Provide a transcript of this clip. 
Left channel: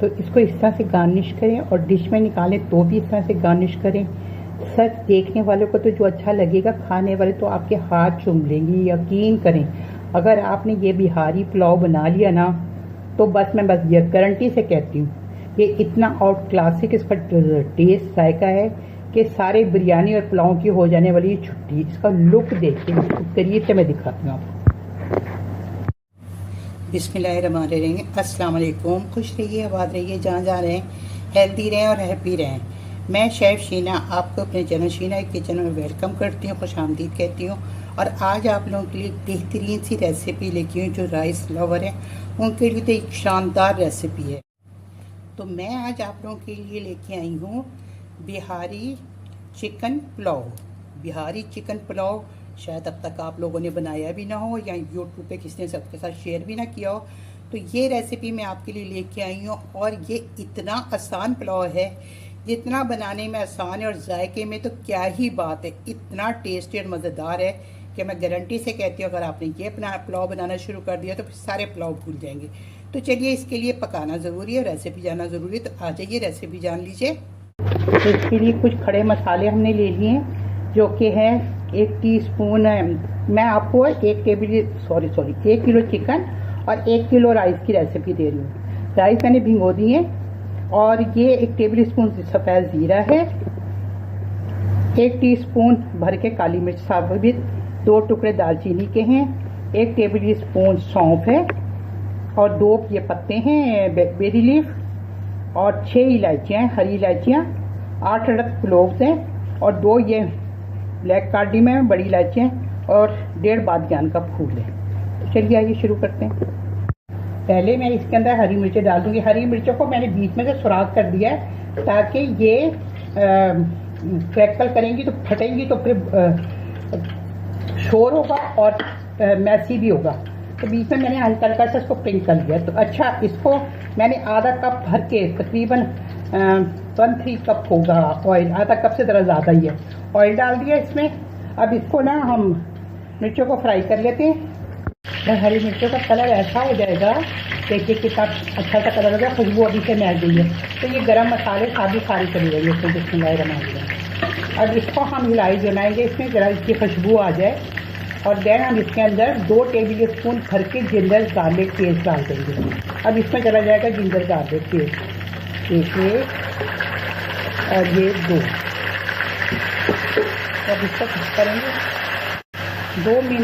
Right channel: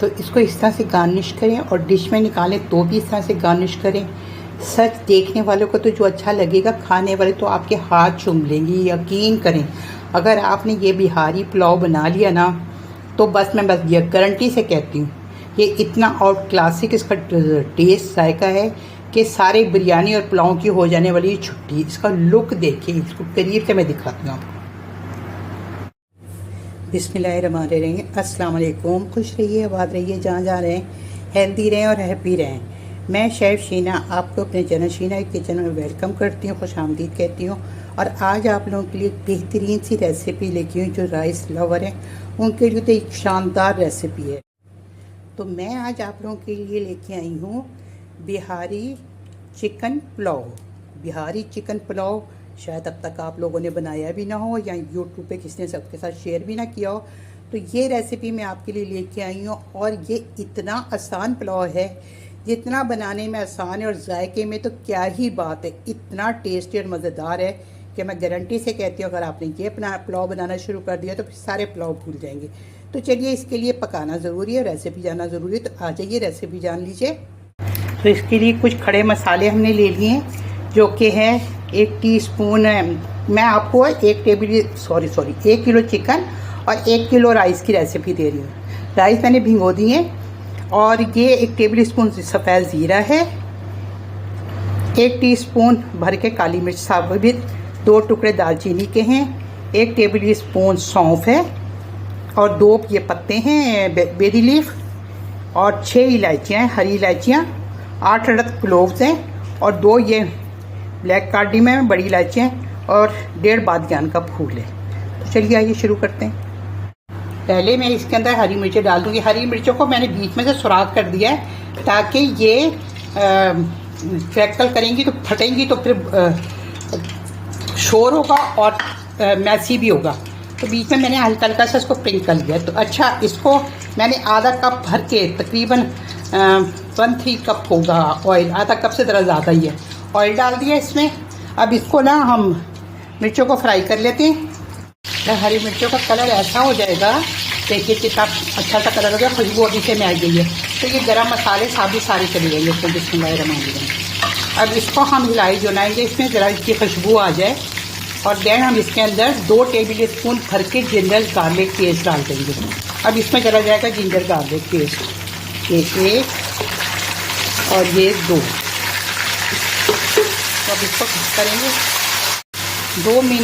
तो इसको इस तरह से गार्निश करें और डिश में निकालें तो भी इस तरह से गार्निश करें। सच देखने वालों को तो जो अच्छा लगेगा, खाने वाले तो आपके हाथ चूम लेंगे। यकीन करें, अगर आपने ये बिहारी पुलाव बना लिया ना, तो बस मैं बस ये गारंटी से कहती हूँ, ये इतना और क्लासिक इसका टेस्ट जायका है कि सारे बिरयानी और पुलाव की हो जाने वाली छुट्टी। इसका लुक देखिए, इसको करीब से मैं दिखाती हूँ आपको। बिस्मिल्लाहिर्रहमानिर्रहीम, अस्सलाम वालेकुम। खुश रहिए, आबाद रहिए, जहाँ जा रहे हैं हेल्दी रहें और हैप्पी रहें। मैं शेफ़ शीना आपको अपने चैनल शीना किचन में वेलकम करती हूँ, खुश आमदीद कहती हूँ। और आज आप लोगों के लिए बेहतरीन सी रेसिपी लेके आई हूँ। जो राइस लवर हैं उनके लिए तो एक शानदार रेसिपी है। तो मैं आज आप लोगों के लिए लेके आई हूँ बिहारी चिकन पुलाव। बिहारी चिकन पुलाव शायद अब तक आप लोगों ने बनाया भी ना हो या यूट्यूब पे किसी ने सबके साथ शेयर भी ना किया हो। तो ये रेसिपी मैं आपके लिए लेके आई हूँ और ये इतना आसान पुलाव है, जितना बनाने में आसान है और जायके में तो क्या ही बात है। इतना टेस्टी और मज़ेदार है कि मैं गारंटी से कहती हूँ, अगर आपने ये पुलाव बनाना शुरू कर दिया तो फिर सारे पुलाव भूल जाएंगे। तो चलिए, इसके लिए पकाना ज़रूरी है, रेसिपी जानना ज़रूरी है। तो आ जाइए, रेसिपी जान लीजिए। तो इसके लिए कुछ खड़े मसाले हमने ले लिए हैं, जो कि है 1 टीस्पून। मैं आपको 1 किलो चिकन और 1 किलो राइस की रेसिपी दे रही हूँ। राइस मैंने भिगो दी है। और ये 1 टेबल स्पून सफ़ेद ज़ीरा है, 1 टीस्पून भर के काली मिर्च साबुत, 2 टुकड़े दालचीनी के हैं, 1 टेबल स्पून सौंफ है और 2 ये पत्ते हैं बेरी लीफ, और 6 इलायचियाँ हैं, हरी इलायचियाँ, 8 अदद क्लोव्स हैं और 2 ये ब्लैक कार्डियम है, बड़ी इलायचियाँ, और 1.5 बादजान का फूल है। तो चलिए आइए शुरू करते हैं। पहले मैं इसके अंदर हरी मिर्चें डाल दूँगी। हरी मिर्चों को मैंने बीच में से सुराख कर दिया है, ताकि ये क्रैकल करेंगी तो फटेंगी तो फिर शोर होगा और मैसी भी होगा। तो बीच में मैंने हल्का हल्का सा इसको पिंक कर दिया। तो अच्छा, इसको मैंने आधा कप भर के, तकरीबन 1-3 कप होगा ऑयल, आधा कप से ज़रा ज़्यादा ही है, ऑयल डाल दिया इसमें। अब इसको ना हम मिर्चों को फ्राई कर लेते हैं। हरी मिर्चों का कलर ऐसा हो जाएगा, देखिए कितना अच्छा सा कलर हो गया, खुशबू अभी से मिल गई है। तो ये गरम मसाले सारे चले जाएंगे इसमें, बिस्मिल्लाहिर्रहमानिर्रहीम। अब इसको हम हिलाई जुलाएंगे, इसमें ज़रा इसकी खुशबू आ जाए। और देन हम इसके अंदर 2 टेबल स्पून भर के जिंजर गार्लिक पेस्ट डाल देंगे। अब इसमें चला जाएगा जिंजर गार्लिक पेस्ट, ये 1 और ये 2। अब इसको करेंगे 2 मिनट।